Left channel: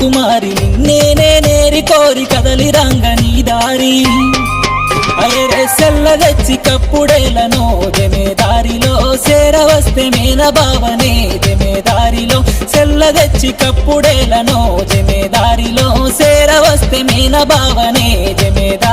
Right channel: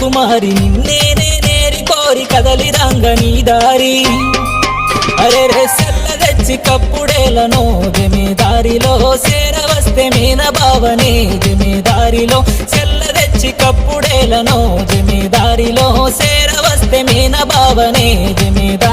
రాకుమారి నిన్నేనే నేరి కోరి కదలి రంగ నీ దారి అరే రే సెల్ల తెచ్చి కప్పుడేలను జమేదారిలో సేరవస్తే మీన బావనే జమేదారిలో సెల్ల తెచ్చి కప్పుడేలను జమేదారిలో సేరవస్తే మీన బావనే జమేదారి